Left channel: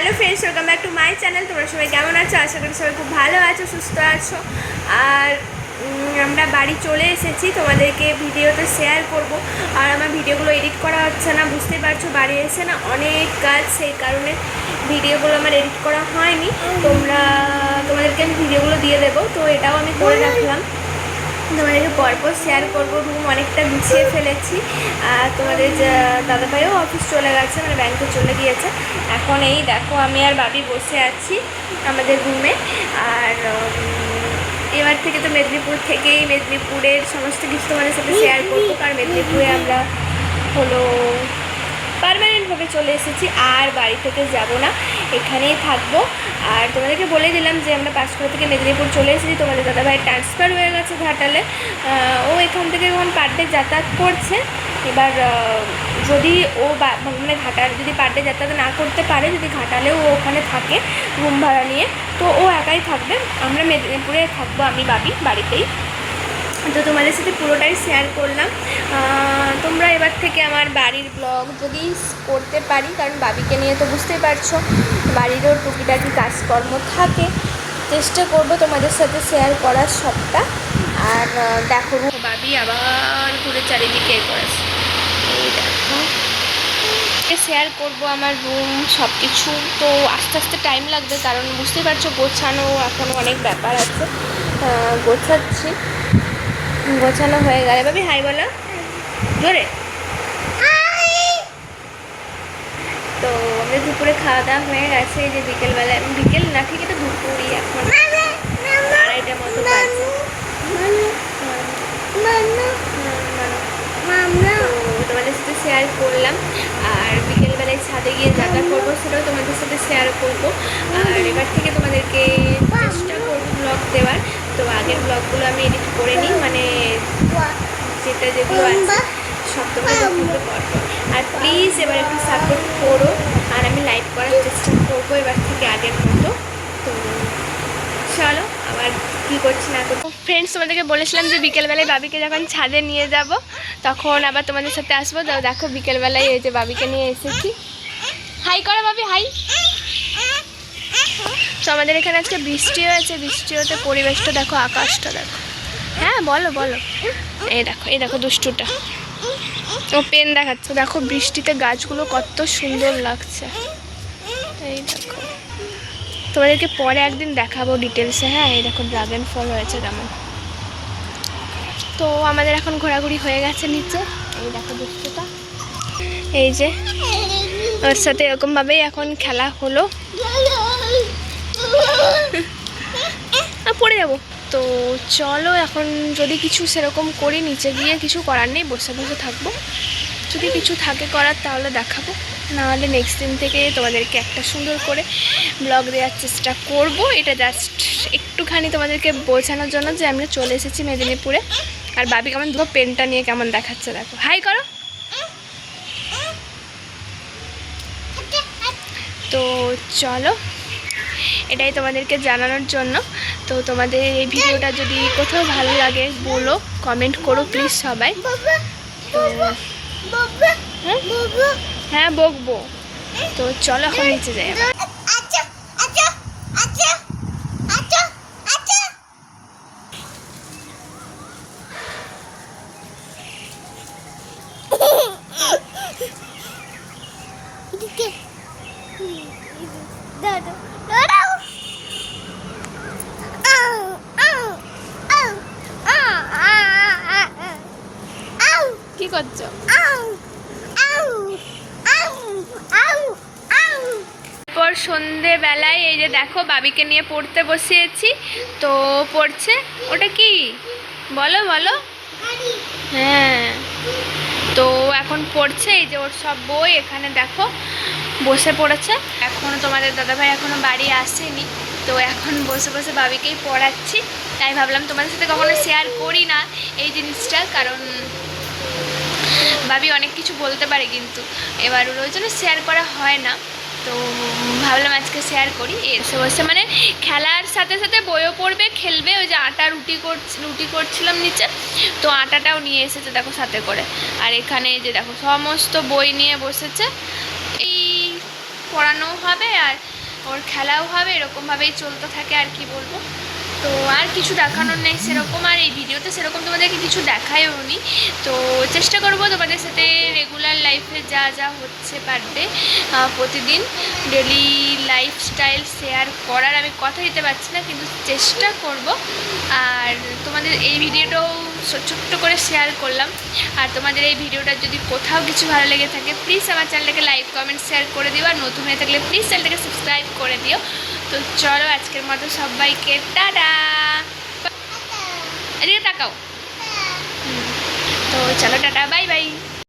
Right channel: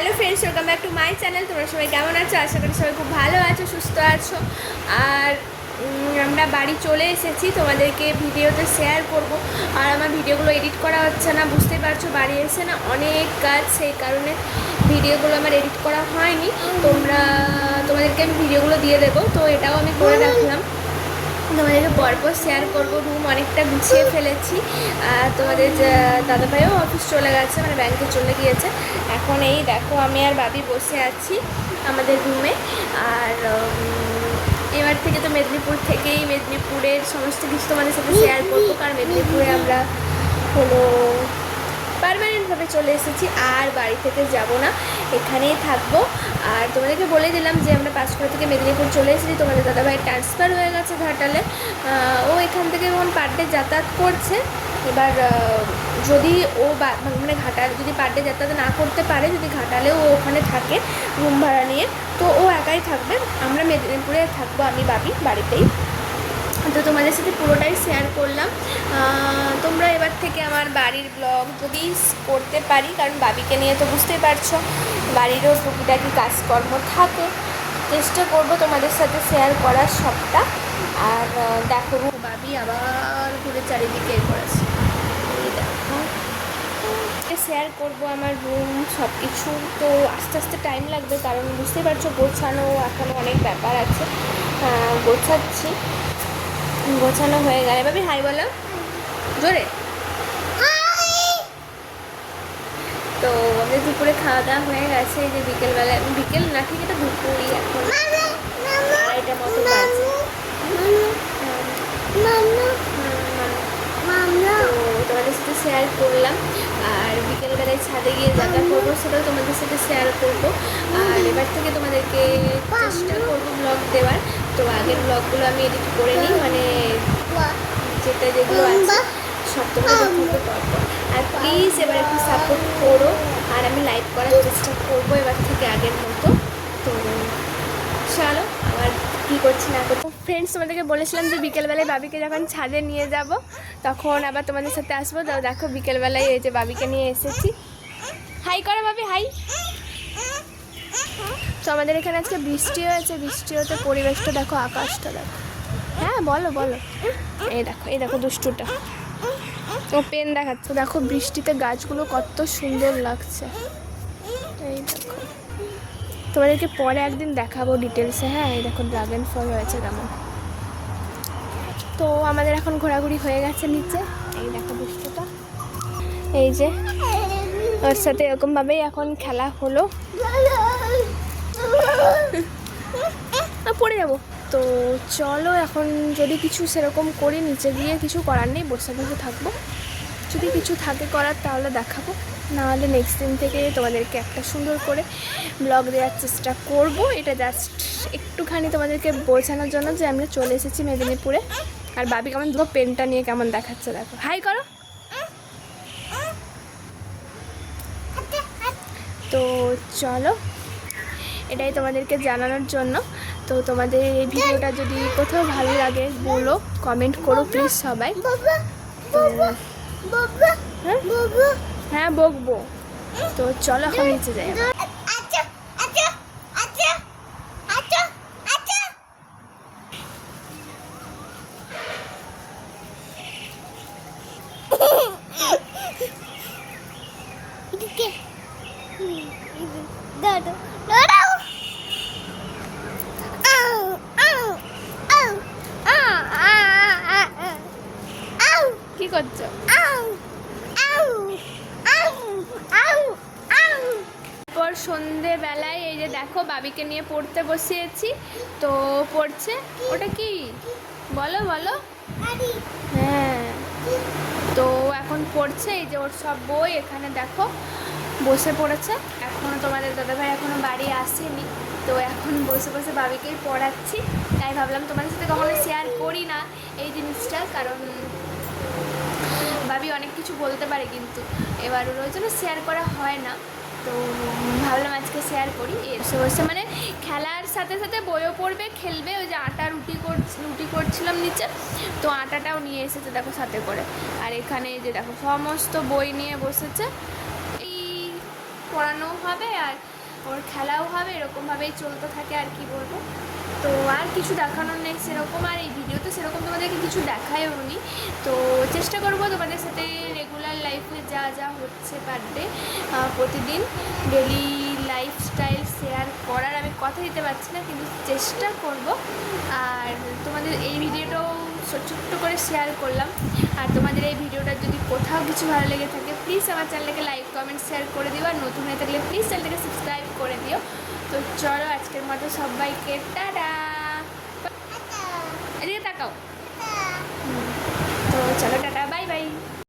Hello friends, welcome back to my channel. তোমরা সবাই কেমন আছো? আশা করি সবাই খুব ভালো আছো, সুস্থ আছো। আর আমরা বাড়ি চলে এসেছি, তোমাদেরকে ভিডিওতে শেয়ার করব। আর আমার ভিডিওগুলো এডিট করা হচ্ছে না, বুঝতেই পারছো, বাড়ি এসে না অনেক কাজ, সেই কারণে ভিডিওগুলো আমার এডিট করা হয়নি। তোমাদেরকে আমি ভিডিওগুলো দিয়ে দেবো, তো এটাও আমি করে রাখলাম, তোমাদেরকে পরপর শেয়ার করবো। রুম অনেকটা গুছিয়ে ফেলেছি। আর তোমাদের দাদাভাইও অফিস চলে গেছে, মানে ব্যাংকে চলে গিয়েছে। এখন এই দেখো আমি আর বাবি বসে আছি আমাদের রুমে। আর এবার থেকে তো মেদিনীপুরের সমস্ত কিছু তোমাদের সাথে শেয়ার করবো, কারণ মেদিনীপুরে আমরা হলো পার্মানেন্টভাবে চলে এসেছি, আর বাড়ি থেকে যাব না, এখানেই থাকবো। আর তোমাদেরকে বলে দিলাম যে আমরা পাঁচকুড়া থেকে মেদিনীপুর চলে এসেছি। তোমাদের দাদাভাই ট্রান্সফার হয়ে গেছে ঘাটালে। ও এখান থেকে এখন পার ডে যাতায়াত করছে। এবার যদি ও মানে ঘাটাল যদি পার ডে যাতায়াত না করতে পারে, যদি ঘাটালেও ও ওখানে থাকে রুম ভাড়া নিয়ে, তো ও একাই থাকবে। আমরা মেদিনীপুরে থাকবো, আমি ভাবি বাড়িতেই। তো তোমাদের সাথে পুরোটাই শেয়ার করলাম। তোমরা এবার থেকে আমার বাড়ির ব্লগ যদি করতে পারি, কারণ বাবিকে নিয়ে তো বুঝতেই পারছো বাড়িরও টুকিটাকি কাজকর্ম থাকে, চেষ্টা করব তোমাদের সাথে শেয়ার করার সবটা। আর দেখো বাবি আবার ঘুরে চারিদিকে শেয়ার করব আমার রুম সব কিছু। তো আস্তে আস্তে টাইম লাগবে, কারণ বুঝতেই পারছো গোছানো এখনও অনেক ব্যাপার আছে। গোছানো হয়ে গেলে ভাবি হাই বলো জোরে। তো আমাদের দুপুরে খাওয়া দাওয়া হয়ে গেছে। এই যে বিকেলবেলায়, বিকেল না ঠিক এটা দুপুরই, এখন 2:30টার মতো বাজে। তোমাদের সাথে শেয়ার করলাম। আর বিকেলবেলায় ছাদে গিয়ে যাতায়াত করবো, সেটাও তোমাদের সাথে শেয়ার করবো। আর এবার থেকে তোমাদেরকে চেষ্টা করবো ব্লগ দেওয়ার। তো আগের ব্লগগুলো আমি এডিট করে নিই, মানে যেগুলো আছে সব আর প্লিজ এবার একটু সাপোর্ট করো। আর আমি লাইক করার চেষ্টা করবো এবার থেকে আগের মতো। চলো আবার কী করছি না করবো। ফ্রেন্ডস, তোমাদেরকে বলেছিলাম যে বিকেলবেলায় বাবিকে যখন ছাদে নিয়ে যাব তখন আবার তোমাদের সাথে আসবো। তো দেখো বিকেলবেলায় এই যে বাবিকে নিয়ে এসেছি। হাই করো বাবি, হাই। তো আমাদের এখানে আজকে বৃষ্টি হয়েছে, বৃষ্টি হতে পরিবেশটা দেখো, আকাশটা দেখো। হ্যাঁ বলো বলো। এই দেখো দুষ্টুটা, ও পেন দেখাচ্ছে। দেখো বৃষ্টিতে গাছগুলো কত সুন্দর লাগছে। এই দেখো, তোমাদেরকে পরে একদিন দেখাবো ডিটেলসে। হ্যাঁ, এই দেখো ড্রাগন ফল হয়েছে কেমন। তো আমাদের এখন ঘোরাঘুরি হয়ে গেছে নিচে। এই দেখো দুষ্টুটা, এই যে ওর সাথে এরকমভাবেই এখন খেলা হলো। পড়ে যাবো। তো চলো এখন যদি কিছু সেরকম করি, নিচে গিয়ে কিছু করার নেই, বসে বসে থাকবো। যদি কিছু থাকে করার তাহলে দেখাবো, নাহলে নেক্সট দিন থেকে তোমাদেরকে একটা সুন্দর করে ব্লগ দেওয়ার চেষ্টা করব। এটা জাস্ট একটুখানি তোমাদেরকে বোঝানোর জন্য যে আমরা চলে এসেছি মেদিনীপুরে। আর বাবি কেমন ধরো পেনটা নিয়ে কেমন দেখাচ্ছে, দেখো। হাই করো। তো চলো, এটাই তোমাদেরকে জানানোর জন্য। তো তোমাদের এই ভিডিওটা যদি কোথাও ভালো লাগে বলো, কমেন্ট করো প্লিজ সবাই। তো হ্যাঁ বকবো। তো চলো এখন নিচে যাই। কি করছো? পর সন্ধেবেলায় এই যে দেখো বাবিকে নিয়ে পড়তে বসিয়েছি। তো পড়ছে, ওটা কি বলো বলো। হ্যাঁ, তো এখন পড়ছে। এই যে ওর সব বই এখানে দেখো বসে পড়েছে। এখনও তোমাদের দাদাভাই এখনও বাড়ি আসেনি, তো এখন বসে বসে বাবিকেই পড়াচ্ছি। তাই ভাবলাম তোমাদের সাথে কখনো শেয়ার করি না এই জিনিসটা, কারণ ভাবি অনেক কিছু বলতে পারে, কিন্তু এবার ওই জন্য শেয়ার করা হয় না। তো ভাবলাম আজকে শেয়ার করি। এসে বসে মানে খেলার সাথে সাথে বইও পড়বে, খেলবে। ওই যে আটা রুটি করছিলাম নিচে, তো আটাটাও নিয়ে এসেছে দেখো সাথে করে। আর এখানে এই যে দেখো সমস্ত বই নিয়ে বসেছে। এই পড়ানোও হবে আর ওর খেলাও হবে, এরকমভাবেই চলতে থাকে। আর কি বলবো, তো আর কিছু দেখানোর নেই সেরকম। আর এই ভিডিওতে সেরকম তোমাদেরকে কিছু দেখায়ও নি। তো চেষ্টা করবো তোমাদের সাথে রেগুলার লাইফে যা যা হচ্ছে পার ডে প্রতিদিন ডেলি লাইফস্টাইল শেয়ার করার। আমি কথা দিতে পারছি না, কিন্তু চেষ্টা করব। আর তোমাদের এই ভিডিওটাও ছোট্ট করে শেয়ার করলাম। আর তোমাদের এই ভিডিওটা যদি কোথাও কিছু ভালো লেগে থাকে প্লিজ আমার চ্যানেলটাকে লাইক কমেন্ট শেয়ার করে দিও। আর নতুন হয়ে থাকলে প্লিজ চ্যানেলটাকে সাবস্ক্রাইব করে দিও। তো চলো আজকের মতো সবাইকে টাটা। এদিকে তাকাও। তো চলো টাটা, বাই বাই।